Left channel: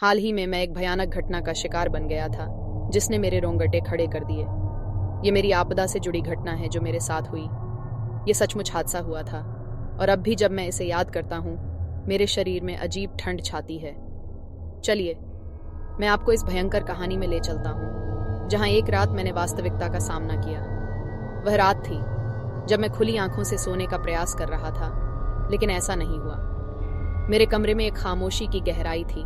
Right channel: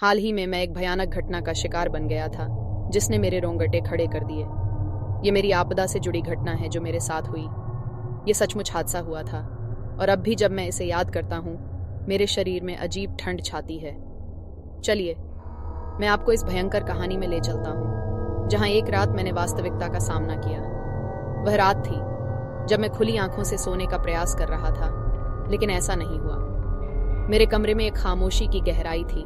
हाल ही में मैं एक भयानक घटना का शिकार बन गया था जिसने मेरे रोंगटे खड़े कर दिए। ये मेरी आपदा से जुड़ी घटना है जो मेरे साथ हुई। ये सचमुच हादसा हुआ था और अब भी जब मैं इसे याद करता हूँ मेरे शरीर में अजीब ठंड छाती है। चलिए मैं आपको इस भयंकर कहानी में ले चलता हूँ जहाँ एक रात मैंने वास्तविकता का सामना किया। वह रात थी जब मैं खुली आंखों से सोने का प्रयास कर रहा था, लेकिन ऐसा नहीं हुआ। मेरे कमरे में एक खामोशी की गहराई थी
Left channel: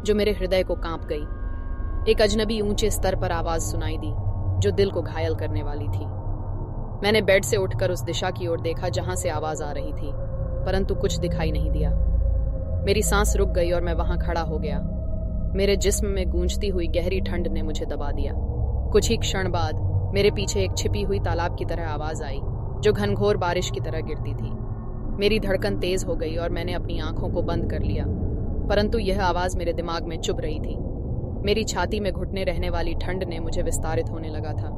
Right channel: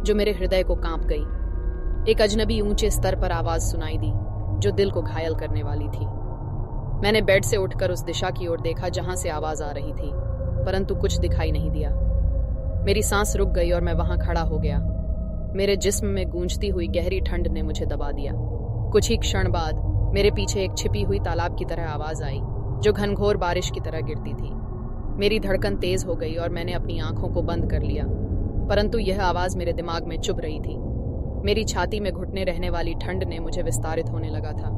जो मेरे हृदय को कांप गई। एक अजनबी ऊंचे स्तर पर आवाज सुनाई दी जो दिल को घायल करने वाली थी। मैंने बेड से उठकर उस दिशा की ओर देखा जहां से आवाज आ रही थी, परंतु कुछ दिखाई नहीं दिया। मेरी सांस रुक गई और मैं वहां खड़ा हो गया। मेरे जिस्म में गूंजती हुई गहरी ठंड ने मुझे दबा दिया। कुछ ही क्षण बाद मेरे पीछे एक छिपी हुई तालाब की तरह आवाज आई जो घनघोर बारिश की तरह गिरती थी। मेरी धड़कन तेज हो गई और मैंने अपनी आंखों को बंद कर लिया, परंतु यह आवाज मेरे दिमाग में चुभ रही थी। मेरी छाती में घुटने रहने वाली ठंड ने मुझे विस्तारित होने लगा था।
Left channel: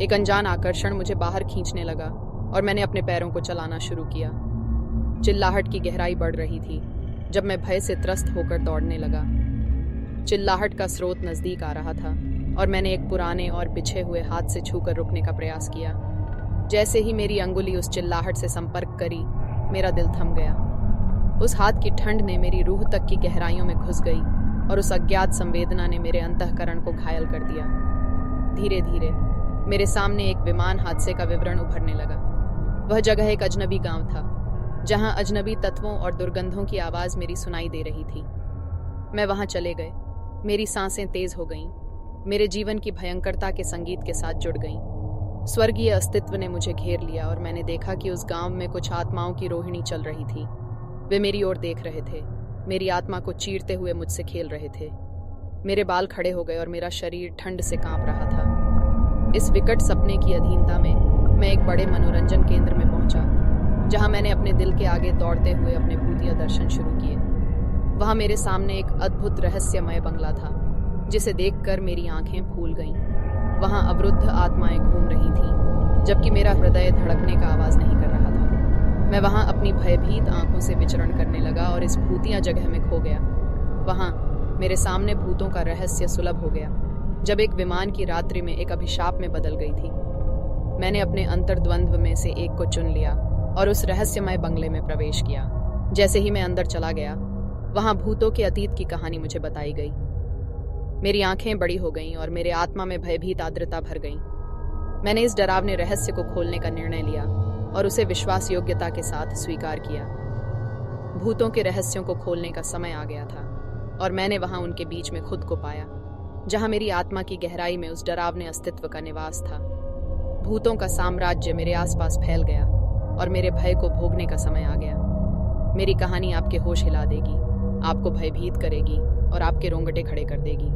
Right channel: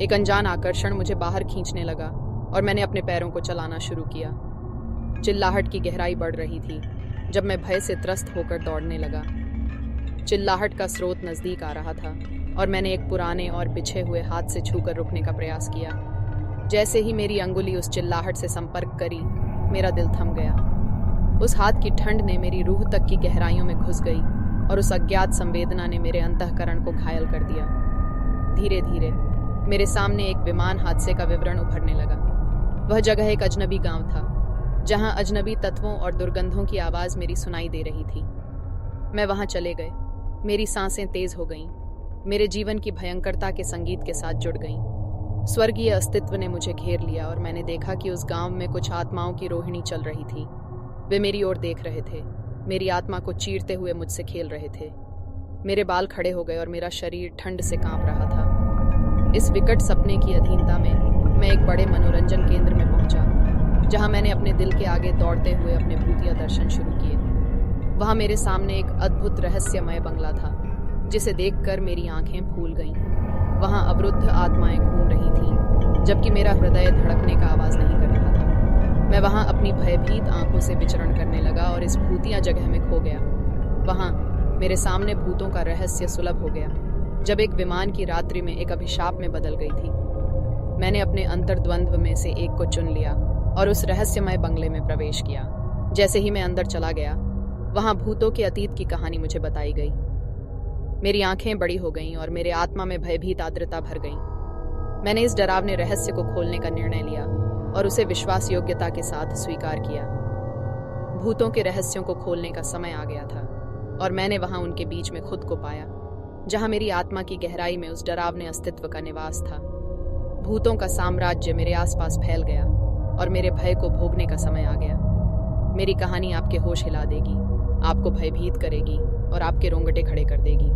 एक अनजान आकर्षण मुझे बाहर खींचने लगा और मैंने अपने पैरों को चलाना शुरू किया। चिल्लाहट की गहराई बढ़ रही थी जब मैं भय से त्रस्त होकर दौड़ने लगा। चिल्लाहट का स्रोत नजदीक आ रहा था और मैंने एक पुराने और बिछे हुए हाथ से छूकर रुकने का प्रयास किया। जैसे ही मेरी अंगुली उस चिल्लाहट से संपर्क करी, मेरा दिल थम गया। उस हाथ की ठंड ने मेरी रूह तक की गहराइयों में घुस गई और उस अज्ञात संवेदना ने मेरे अंतःकरण को घायल कर दिया। धीरे धीरे मेरे सामने एक विमान हादसे का विवरण उभरने लगा। वह जगह एक अजनबी गांव था जहां अजनबी तत्वों और दुर्गंधों की आवाज मेरी सुनाई दे रही थी। मैं वहां चले गए। मेरी सांसें तेज हो गईं। मेरे जीवन की भयंकरता के संगीत के साथ जुड़ गईं। स्वर्गीय अस्तित्व ने मुझे घेर लिया और मैंने देखा कि उस गांव में कुछ आत्माओं की रोहिणी चल रही थी। वे मेरी ओर देख रहे थे, मेरी आत्मा को चीरते हुए मुझसे खेल रहे थे। मेरे बाल खड़े हो गए और मेरा शरीर ठंड से कांप रहा था। इस विकट सपने की अधीनता में मैं एक बड़े मनोरंजन केंद्र में पहुंचा जहां मैंने अपने दिल के आगे दौड़ते हुए अपने भूतिया दर्शन शुरू किए। वहां मेरे सामने एक अद्भुत रहस्यमय बंगला था जिसे देखकर मेरी आंखें फूल गईं। वहां अवरुद्ध आत्माएं घूम रही थीं, जबकि मेरा हृदय धड़कने का आवाज नहीं कर रहा था। मैं वहां अपनी भयभीत आंखों से विचरण करने लगा और इस भूतिया जगह में खो गया। वहां मेरे सामने भूतों का रहस्य सुलभ हो गया जब एक विमान की रात्रि में एक अभिशाप में बदल गई थी। मैंने अपने अंतर्द्वंद्व में से एक को चुन लिया और उस रहस्यमय बंगले में प्रवेश किया। जैसे ही मैं अंदर चला गया, वहां भूतों के अतीत की कहानी मुझे बताई गई। मेरी आंखें बड़ी हो गईं और मेरे आत्मा में भयभीत आर्द्रता भर गई। मैंने इस डरावने रहस्य को खोलने का निर्णय लिया और उसे विश्वास योग्यता के साथ स्वीकार किया। भूतों के रहस्यों को खोलने का समय आ गया था और मैंने वहां उनके बीच में खुद को पाया, जहां मेरी आत्मा की गहराई में उस डरावने अस्तित्व का निवास था। भूतों का साम्राज्य मेरे आसपास फैल गया और मेरे भय को भोगने का समय आ गया। मेरी कहानी आपके होश हिला देगी, आपको भयभीत करेगी और आपके रोंगटे खड़े कर देगी।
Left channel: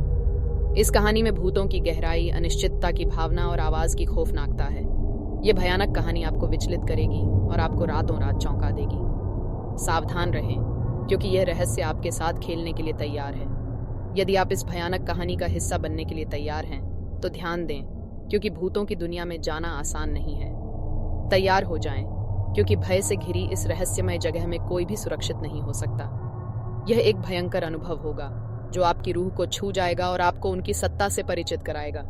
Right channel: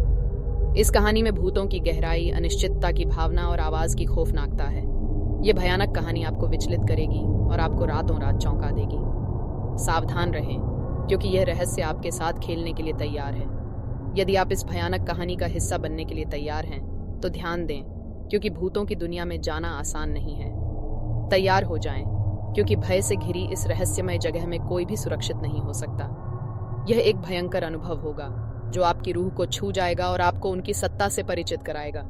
इस कहानी में भूतों की गहराई, अनिश्चितता की भावना और आवाज की खौफनाकता है। यह भयानक कहानी आपको विचलित करेगी और आपको रातों रात चौंका देगी। सावधान रहें, क्योंकि यह रहस्य आपके साथ खेलने के लिए तैयार है। यदि आप इस भयानक कहानी का हिस्सा बनने के लिए तैयार हैं, तो ध्यान दें, क्योंकि भूतों की दुनिया में जाना आसान नहीं है। तैयार हो जाएं, क्योंकि भय से घिरी इस रहस्यमय जगह में कोई भी सुरक्षित नहीं हो सकता। यह एक भयंकर अनुभव होगा जो आपकी रूह को छू जाएगा और आपको उनकी सत्ता से परिचित कराएगा।